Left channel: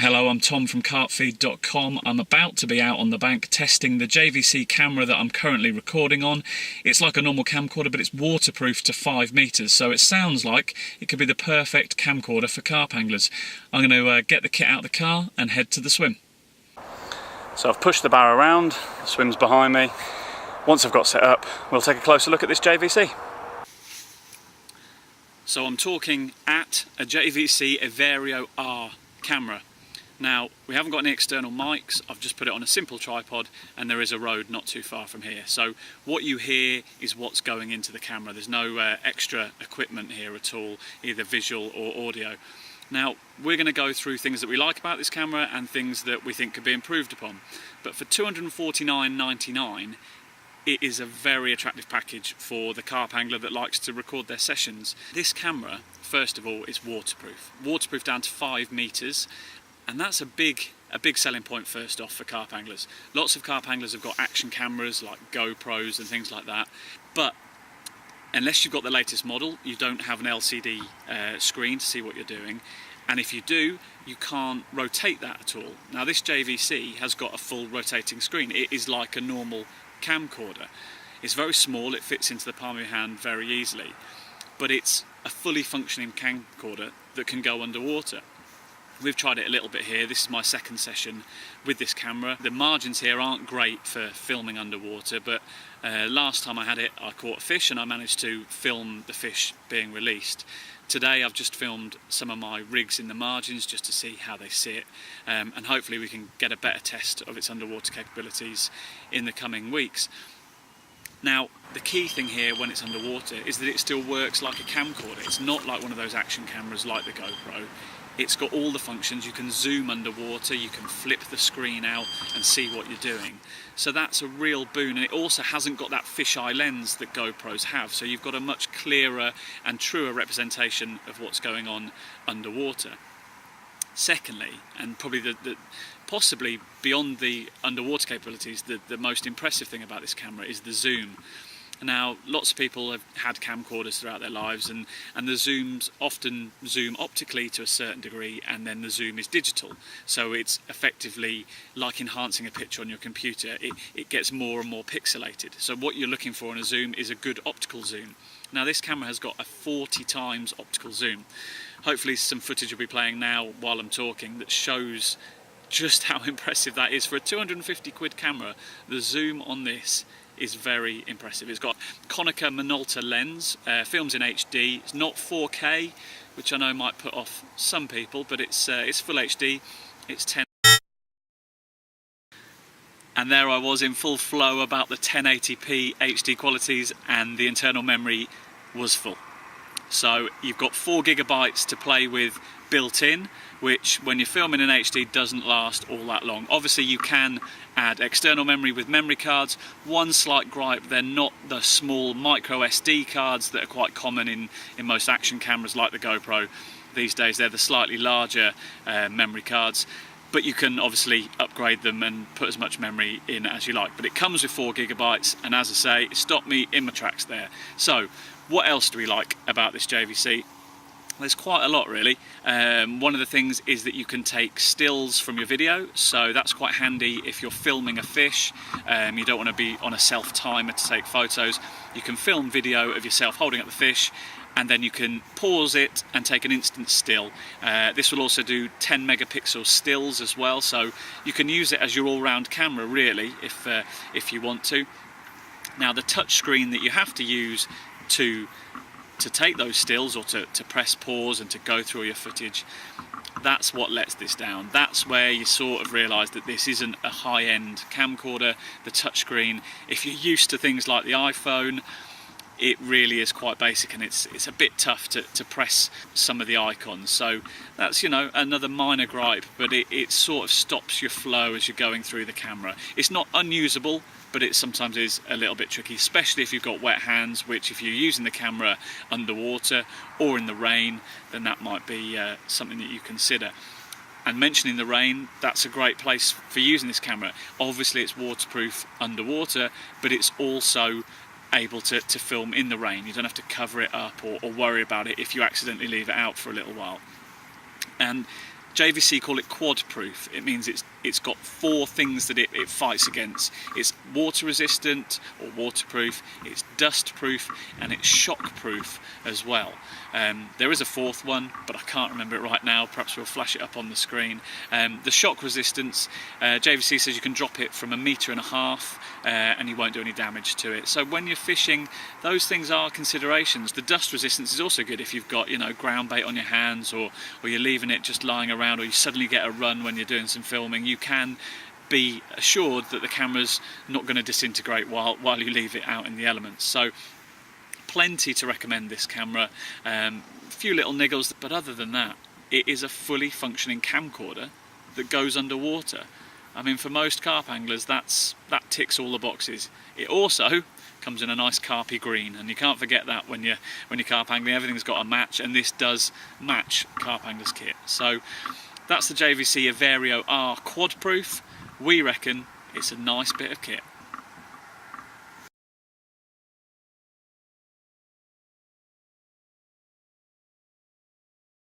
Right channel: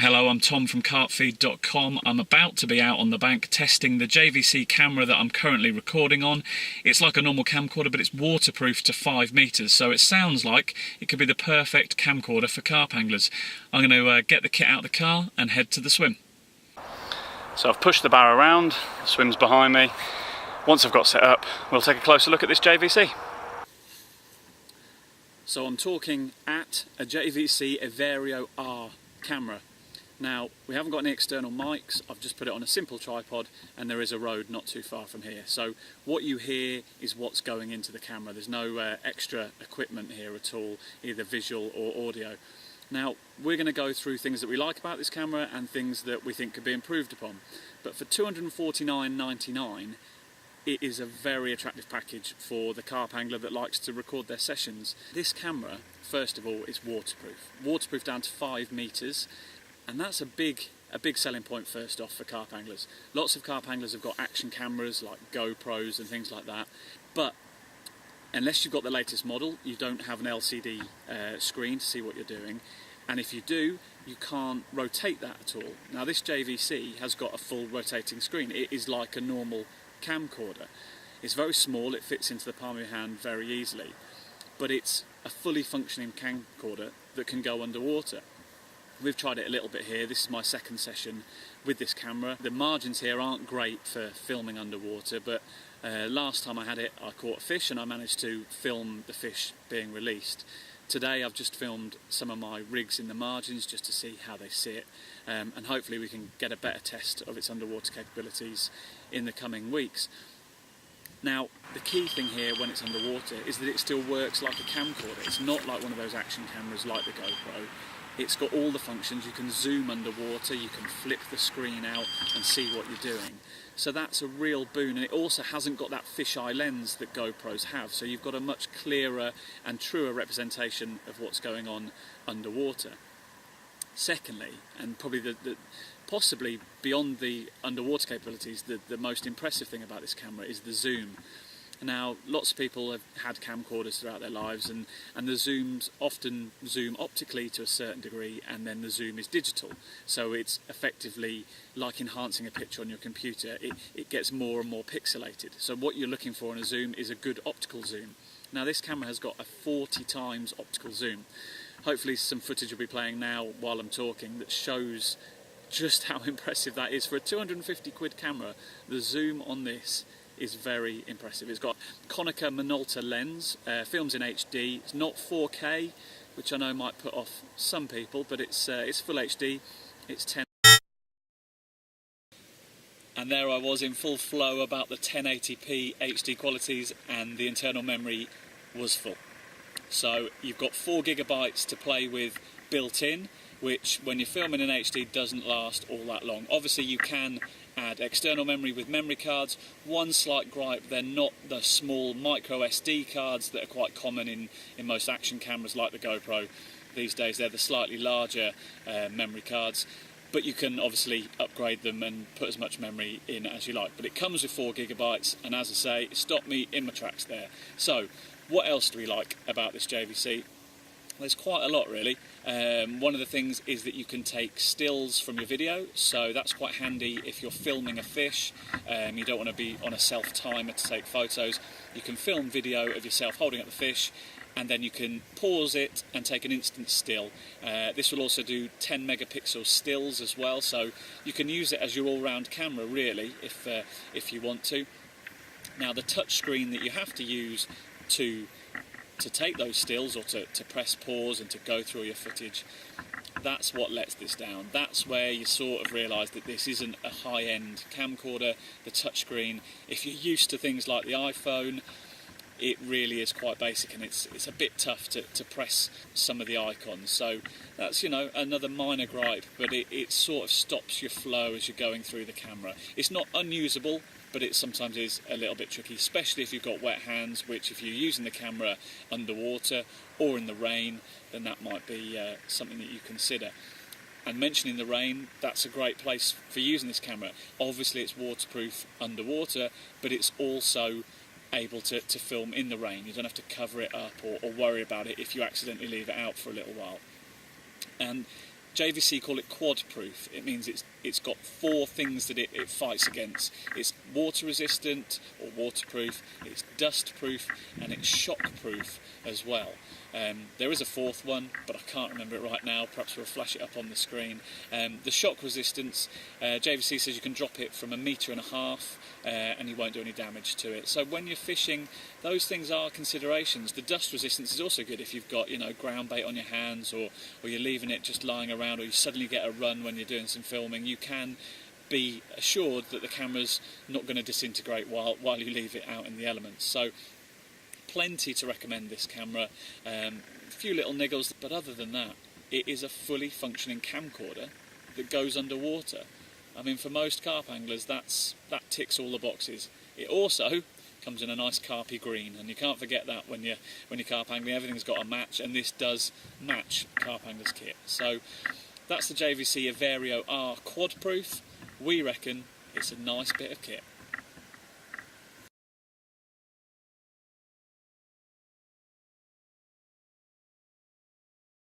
Hello, I'm Tom from CarpFeed.com. I'm about to be out on the bank testing the JVC camera that I'm currently recording on. It's like a normal camcorder, but it's waterproof to 5 meters, so it sounds like it could be the perfect camcorder for carp anglers. I'm going to get the kit out of the car and head to the swim. So I've pushed the barrow around, the swim's behind me. Once I've got set up, we'll take a closer look at this JVC. So I'm talking at a JVC Everio R camera. Now, we haven't got any external mics, I've just put it on a simple tripod and there is a road not too far from here. So what you hear is what's going into the camera. There's no extra equipment here at all, either visual or audio. Now, we're going to go through things that we like about this camera and things that we think could be improved upon. But for $249.99, it is a very attractive package for the carp angler that likes to record their sessions. This camera, first of all, is waterproof. Waterproof down to 5 meters. And that's a big selling point first off for carp anglers. Lots of carp anglers have got action cameras like GoPros and things like that, but unless you've got the latest model, you don't have an LCD screen to see what you're doing, and if you do, you can't rotate that at all. Now this JVC has got a full rotating screen. It is like a normal camcorder. It's very small, it fits into the palm of your hand very easily, but it's a fully functioning camcorder that can go underwater. We've tried it a little bit here. This is my second session with this camera. The margins here aren't great for filming underwater, but last time I had it I caught a fish and I managed to film the fish being released. Today I've just filmed some of my rigs in the margins just to see how they sit, and hopefully we can get a better test of its underwater capabilities in the coming weeks. Now, the key thing here when it's underwater is that it still works like a camcorder. It's not like one of those action cameras like the GoPro. It's got all the functions. You can zoom underwater, you can flip the screen out and see what you're doing. So that's a real boon, and it also hasn't got that fisheye lens that GoPros have, so you've got a much clearer and truer representation of what's going on underwater. Secondly, and probably possibly beyond the underwater capabilities, the most impressive thing about this camera is the zoom. Now, lots of people have had camcorders throughout their lives, and the zooms often zoom optically to a certain degree, and then the zoom is digital. So it's effectively like enhancing a picture on your computer. It gets more and more pixelated. So what you're looking for in a zoom is a good optical zoom. Now, this camera has got a 40 times optical zoom. Hopefully some footage will be playing now while I'm talking that shows just how impressive that is. For a 250 quid camera, the zoom on this is very impressive. It's got Konica Minolta lens, films in HD. It's not 4K, which I know might put off some people, but it's full HD. It's 10. And there I was in full flow about the 1080p HD qualities, and the internal memory was full. So you've got 4 gigabytes to play with built in, which when you're filming in HD doesn't last all that long. Obviously you can add external memory with memory cards. One slight gripe, they're not the small micro SD cards that are quite common in most action cameras like the GoPro these days. They're the slightly larger memory cards, but you can obviously upgrade them and put as much memory in as you like. But it comes with 4 gigabytes, and as I say, it stopped me in my tracks there. So what else do we like about this JVC? There's quite a lot really. One of the things is that you can take stills from your video, so that's quite handy if you're filming a fish. You don't want to be on a self-timer to take photos. You can film video of yourself holding up the fish, and then you can pause it and take an instant still. This will also do 10 megapixel stills as well, so you can use it as your all-round camera really if you want to. Now, the touch screen that you have to use to take those stills, or to press pause and to go through your footage, that's what lets this down. That's where you sort of realise that this isn't a high-end camcorder. The touchscreen, if you're used to things like the iPhone, it really is quite basic, and it's a bit tough to press some of the icons. So that's, you know, another minor gripe, but it sort of stops your flow as you're going through the camera. It's not unusable, but it sometimes is a little bit tricky, especially if you've got wet hands, which if you're using the camera underwater or in the rain, then that might be something that you consider. And mentioning the rain, that's a great place for using this camera. Obviously it's waterproof underwater, but it's also able to film in the rain. You don't have to cover it up or worry about it if you accidentally leave it out for a little while. And JVC call it quadproof. It means it's got 4 things that it fights against. It's water resistant or waterproof, it's dust proof, and it's shock proof as well. There is a 4th one, but I can't remember it right now. Perhaps we'll flash it up on the screen. The shock resistance, JVC says you can drop it from 1.5 meters and you won't do any damage to it. So when you're fishing, those things are considerations. The dust resistance is also good if you've got, you know, ground bait on your hands, or you're leaving it just lying around, or you suddenly get a run when you're doing some filming. You can be assured that the camera's not going to disintegrate while you leave it out in the elements. So plenty to recommend this camera. A few little niggles, but other than that, it is a fully functioning camcorder that goes underwater. I mean, for most carp anglers, that ticks all the boxes. It also comes in a nice carpy green, and you can't forget that when you're carp angling. Everything's got a match, and this does match carp angler's kit. So that's the JVC Everio R Quadproof. We reckon it's a nice bit of kit.